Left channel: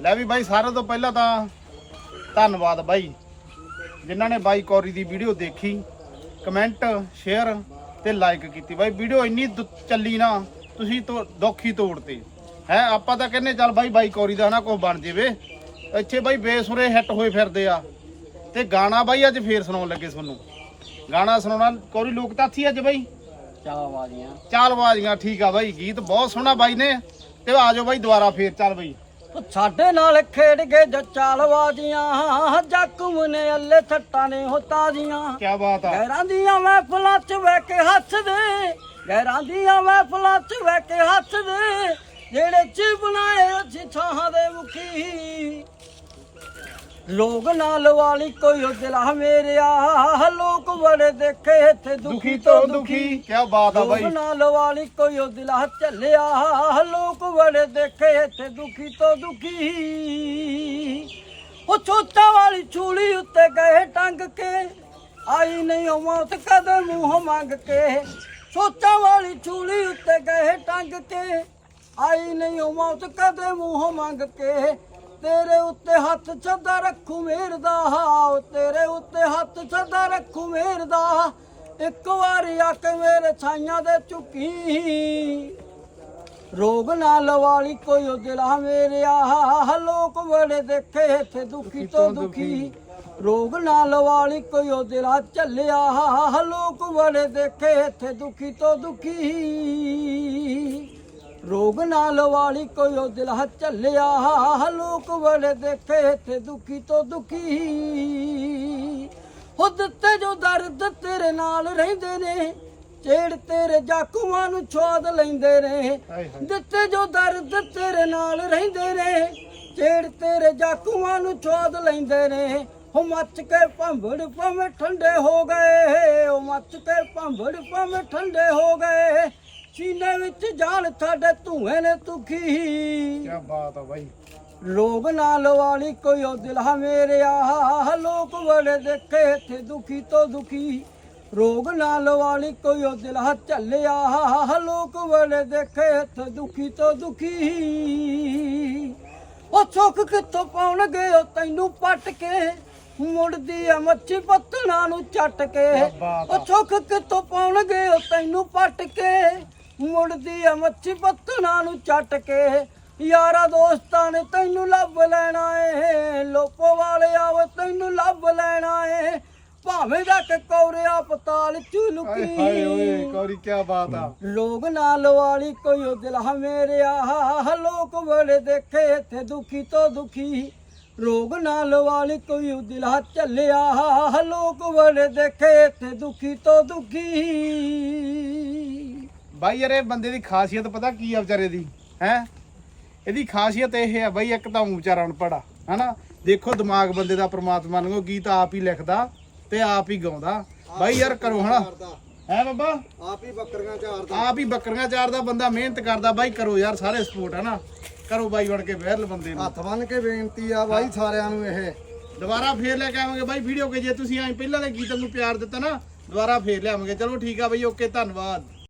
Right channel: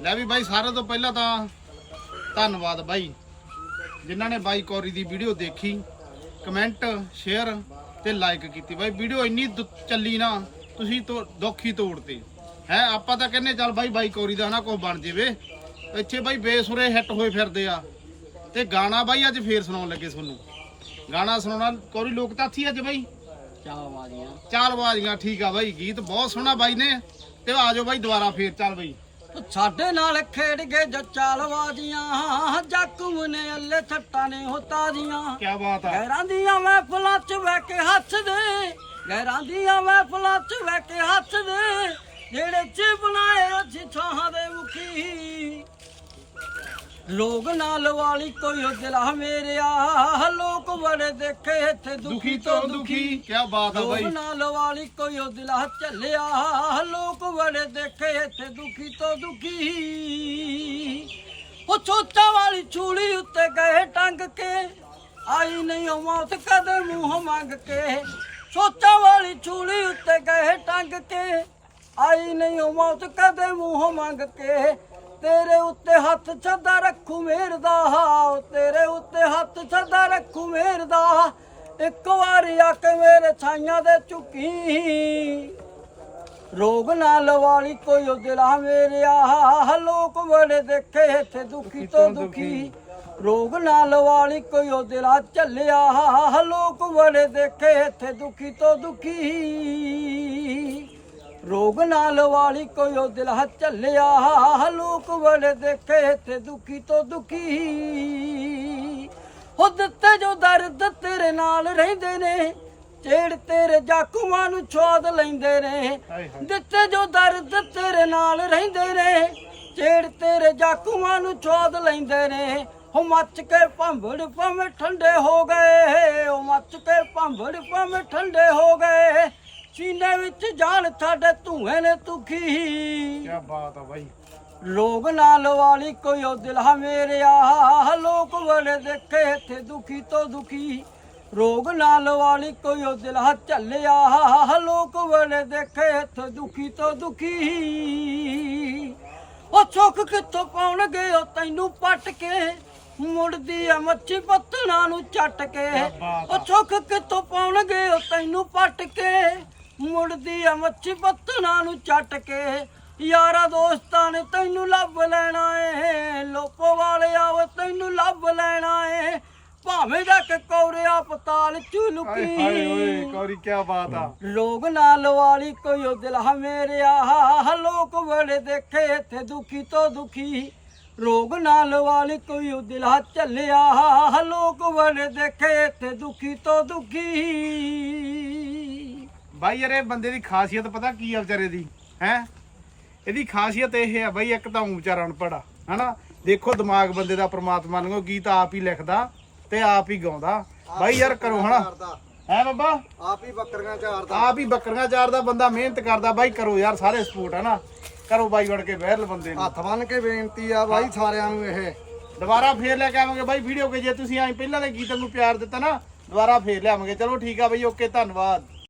ਲੈ ਵੀ ਬਾਈ ਸਾਰਿਆਂ ਤੋਂ ਪਹਿਲਾਂ ਤਾਂ ਧੰਨਵਾਦ ਬਾਈ। ਜਿਨ੍ਹਾਂ ਨੇ ਬਾਈ ਕੌਰੀ ਦੀ ਵੀਡੀਓ ਦੇਖੀ ਕਮੈਂਟ ਸ਼ੇਅਰ ਤੇ ਲਾਈਕ ਕੀਤੀ। ਬਾਈ ਵੀਡੀਓ ਇੰਨੀ ਦੁ- ਚੱਲੀ ਨਾ ਤੁਸੀਂ ਤੋਂ ਦੁੱਖ ਤੋੜਤੇ। ਹੈ ਆਪਾਂ ਤਾਂ ਕਹਿੰਨੇ ਚੱਲ ਬਾਈ ਬਾਈ ਕੌਰੀ ਦਾ ਨਾ ਕੋਈ ਬਣ ਜਾਵੇ। ਇੱਥੇ ਬਾਈ ਬੇਸੁਰੇ ਹਿੱਟ ਹੋਏ ਫਿਰਦੇ ਆ। ਤੇ ਗਾਣਾ ਬਾਈ ਅੱਜ ਫੇਰ ਸੁਣਾਉਣ ਲੱਗੇ ਤੁਹਾਨੂੰ। ਗਾਣਾ ਸੁਣਾਉਣਾ ਕੌਰੀ ਲੋਕ ਤਾਂ ਥੀ ਅੱਜ ਬਾਈ? ਚਾਹ ਵਾਲੀਆਂ ਚਾਲ ਬਾਜੀਆਂ ਠੀਕ ਆ ਬਾਈ ਗੀਤ ਬਹੁਤ ਸੋਹਣਾ ਬਾਈ ਨੇ। ਤੇ ਆ ਜਾਓ ਬਾਈ ਦੁਬਾਰਾ ਫੇਰ ਚੱਲ ਬਾਈ। ਸਾਡੇ ਨਾਲ ਖੇਡ ਗਏ ਜੋ ਚਾਲਵਾਜੀਆਂ ਜੱਕੂ ਨੇ ਅੱਲੇ ਥੱਟਾਂ ਨੇ ਹੋ ਤਾਜੀਆਂ। ਕੀ ਬਾਤ ਆ। ਗੈਰਾਂ ਦੀਆਂ ਮਹਿਫਲਾਂ ਚ ਬਹਿ ਕੇ ਹੱਸਦੇ ਗੈਰਾਂ ਦੀਆਂ ਮਹਿਫਲਾਂ ਚ ਬਹਿ ਕੇ ਹੱਸਦੇ ਜਿਹੜੇ ਚ ਬਣਾਏ ਅਸੀਂ ਛਾਹਾਂ ਦੇ ਮੁਖੀ। ਲੋਕ ਨਾਲ ਵਾਲੀ ਕੋਈ ਦਿਲਾ ਮੇਰਿਆ ਲੋਕ ਬੜੇ ਦੇਖੇ ਇੱਥੇ ਦੁਖੀ ਤੋਂ ਦੁਖੀ। ਕੀ ਬਾਤ ਆ ਬਾਈ। ਲੋਕ ਨਾਲ ਵਾਲੀ ਕੋਈ ਦਿਲਾ ਚੱਲਿਆ। ਲੋਕ ਬੜੇ ਦੇਖੇ ਇੱਥੇ ਦੁਖੀ ਤੋਂ ਦੁਖੀ। ਉਹ ਚੋਚਾ ਵਾਲੀ ਛੂਲੀ ਉੱਤੇ ਗਏ ਟੰਗ ਕੇ। ਆਈ ਨਹੀਂ ਉਹ ਮੌਤ ਕਦੇ ਮੂੰਹ ਮੰਗ ਕੇ। ਚੋਚਾ ਵਾਲੀ ਛੂਲੀ ਉੱਤੇ ਗਏ ਟੰਗ ਕੇ। ਆਈ ਨਹੀਂ ਉਹ ਮੌਤ ਕਦੇ ਮੂੰਹ ਮੰਗ ਕੇ। ਤੇਰੇ ਉੱਤੇ ਹੱਥ ਛੱਦਾ ਰੱਖੂ ਮੇਰ ਦਾ ਤੇਰੇ ਉੱਤੇ ਹੱਥ ਛੱਦਾ ਰੱਖੂ ਮੇਰ ਦਾ ਇੱਕ ਵਾਰੀ ਆ ਕੇ ਮੇਰੇ ਛਾਈਆਂ ਦੇ ਝੁਕੀ। ਰੋਗ ਨਾ ਲਵਾਲੀ ਕੋਈ ਉਹ ਦਿਲਾ ਮੇਰਿਆ ਲੋਕ ਬੜੇ ਦੇਖੇ ਇੱਥੇ ਦੁਖੀ ਤੋਂ ਦੁਖੀ ਰੋਗ ਨਾ ਲਵਾਲੀ ਕੋਈ ਉਹ ਦਿਲਾ ਚੱਲਿਆ ਲੋਕ ਬੜੇ ਦੇਖੇ ਇੱਥੇ ਦੁਖੀ ਤੋਂ ਦੁਖੀ। ਰੋਗ ਨਾ ਲਵਾਲੀ ਕੋਈ ਉਹ ਦਿਲਾ ਚੱਲਿਆ। ਲੋਕ ਬੜੇ ਦੇਖੇ ਇੱਥੇ ਦੁਖੀ ਤੋਂ ਦੁਖੀ। ਉਹ ਦਿੱਤੇ ਜੋ ਦਰਦ ਤੇਰੇ ਨਾਲ ਰਹਿੰਦੇ ਨੇ ਚੇੜ ਤੇਰੇ ਜਾਕੂਆਂ ਨੂੰ ਛੋਦ ਲੈਂਦੇ ਨੇ। ਦਿੱਤੇ ਜੋ ਦਰਦ ਤੇਰੇ ਨਾਲ ਰਹਿੰਦੇ ਨੇ ਚੇੜ ਤੇਰੇ ਜਾਕੂਆਂ ਨੂੰ ਛੋਦ ਲੈਂਦੇ ਨੇ। ਹੋ ਮੱਚ ਕੇ ਭੰਬੜ ਭਵੇਂ ਠੰਡੇ ਹੋ ਗਏ ਉਹ ਮੱਚ ਕੇ ਭੰਬੜ ਭਵੇਂ ਠੰਡੇ ਹੋ ਗਏ। ਸੀਨੇ ਵਿੱਚ ਜਾਨ ਸਾਡੇ ਧੂਏ ਨੇ ਤੁਖੀ। ਕੀ ਬਾਤ ਆ ਬਾਈ। ਲੋਕ ਨਾਲ ਵਾਲੀ ਕੋਈ ਉਹ ਦਿਲਾ ਮੇਰਿਆ ਲੋਕ ਬੜੇ ਦੇਖੇ ਇੱਥੇ ਦੁਖੀ ਤੋਂ ਦੁਖੀ। ਰੋਗ ਨਾਲ ਵਾਲੀ ਕੋਈ ਉਹ ਦਿਲਾ ਚੱਲਿਆ ਲੋਕ ਬੜੇ ਦੇਖੇ ਇੱਥੇ ਦੁਖੀ ਤੋਂ ਦੁਖੀ। ਉਹ ਸੁੱਖ ਕਿੱਥੋਂ ਪਾਉਣਗੇ ਉਹ ਤੈਨੂੰ ਪੱਟ ਕੇ? ਮੁੜਦੀ ਆ ਮੱਛੀ ਪੱਤਣਾ ਨੂੰ ਚੱਟ ਕੇ। ਉਹ ਸੁੱਖ ਕਿੱਥੋਂ ਪਾਉਣਗੇ ਉਹ ਤੈਨੂੰ ਪੱਟ ਕੇ? ਮੁੜਦੀ ਆ ਮੱਛੀ ਪੱਤਣਾ ਨੂੰ ਚੱਟ ਕੇ। ਯਾਰਾ ਦੋਸਤਾਂ ਨੇ ਤੈਨੂੰ ਲੱਭ ਲੈਣਾ ਏ। ਲੋਪੋ ਵਾਲੇ ਆਵ ਤੈਨੂੰ ਲੱਭ ਲੈਣਾ ਏ। ਭਾਵੇਂ ਜਾ ਕੇ ਕੌਰਿਆ ਪਤਾਲ ਚ ਹਾਏ ਹਾਏ ਓਏ ਲੁਕੀ ਕੌਰੀ ਕੀ ਬਾਤ ਆ। ਲੋਕ ਨਾਲ ਵਾਲੀ ਕੋਈ ਉਹ ਦਿਲ ਮੇਰਿਆ। ਲੋਕ ਬੜੇ ਦੇਖੇ ਇੱਥੇ ਦੁਖੀ ਤੋਂ ਦੁਖੀ। ਰੋਗ ਨਾਲ ਵਾਲੀ ਕੋਈ ਉਹ ਦਿਲ ਚੱਲਿਆ ਲੋਕ ਬੜੇ ਦੇਖੇ ਇੱਥੇ ਦੁਖੀ ਤੋਂ ਦੁਖੀ। ਬਾਈ ਯਾਰ ਇਹ ਬੰਦੇ ਦੀ ਖਾਸੀਅਤ ਪਤਾ ਕੀ ਆ ਵਿਚਾਰੇ ਦੀ ਹੈ? ਇਹਦੀ ਖਾਸੀਅਤ ਇਹ ਆ ਬਾਈ ਇੱਕ ਤਾਂ ਊਂ ਵਿਚਾਰਾ ਅਨਪੜਾ ਹਨਾ? ਦੇਖੋ ਦਿਮਾਗ ਬੰਦੇ ਦਾ ਪ੍ਰਮਾਤਮਾ ਨੂੰ ਗੀਤ ਆਪ ਹੀ ਲਿਖਦਾ ਤੇ ਆਪ ਹੀ ਗਾਉਂਦਾ। ਬਾਈ ਯਾਰ ਕਰੋ ਹਨਾ। ਹੈ ਬਾਬਾ? ਆਪ ਹੀ ਬੱਕਰੀਆਂ ਚਾਰਦਾ। ਆਪ ਹੀ ਬੱਕਰੀਆਂ ਚਾਰਦਾ ਬੰਦਾ ਮਿਹਨਤ ਕਰਦਾ। ਬਾਈ ਕਰੋ ਯਾਰ ਸਾਰੇ ਸਪੋਰਟ ਹਨਾ? ਕਰੋ ਬਾਈ ਵੜ ਕੇ ਵਿਹਲ ਬੰਦੇ ਨੂੰ। ਹੱਥ ਬੰਨ ਕੇ ਬੇਨਤੀ ਆ ਬਾਈ ਸਾਰਿਆਂ ਨੂੰ ਇਹ। ਦੁਬਾਰਾ ਫੇਰ ਲੈ ਕੇ ਆਵਾਂਗੇ ਬਾਈ ਵੀਡੀਓ ਕੇ ਜੇ ਤੁਸੀਂ ਐਂ ਪਹਿਲਾਂ ਦੇ ਗੀਤਾਂ ਨੂੰ ਪਿਆਰ ਦਿੱਤਾ ਨਾ ਦੁਬਾਰਾ ਫੇਰ ਲਿਆਵਾਂਗੇ। ਚਲੋ ਠੀਕ ਆ ਬਾਈ ਓਕੇ ਧੰਨਵਾਦ।